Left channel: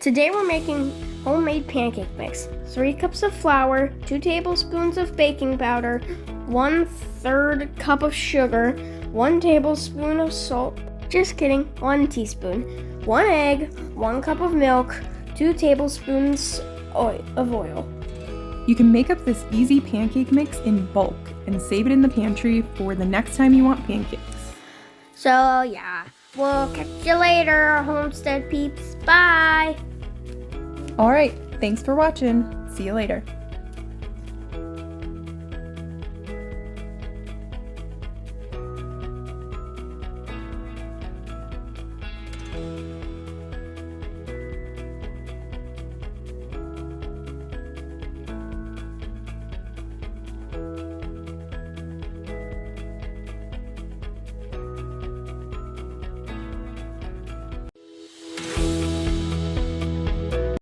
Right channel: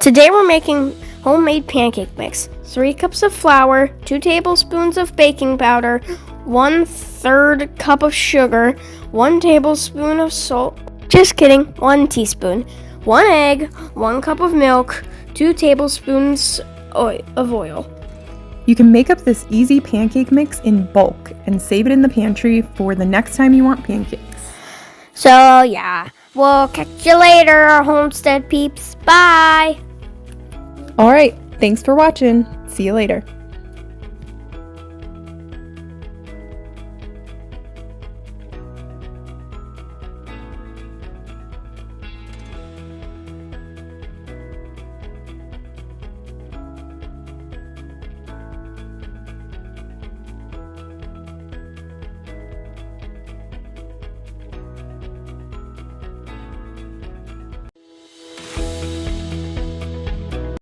Today we're making homemade pancake mix. 3 cups of flour, 2 tablespoons of baking powder, 1/3 cup of sugar, 1 tablespoon of salt. Just kidding, 1 teaspoon. 1 egg, 1 cup of milk, 2 tablespoons of oil. You can make up this easy pancake mix in bulk and save it in the pantry for the next time you want pancakes. So yeah, we'll catch you later, homestead peeps. Bye! All right, thanks for watching. See you later.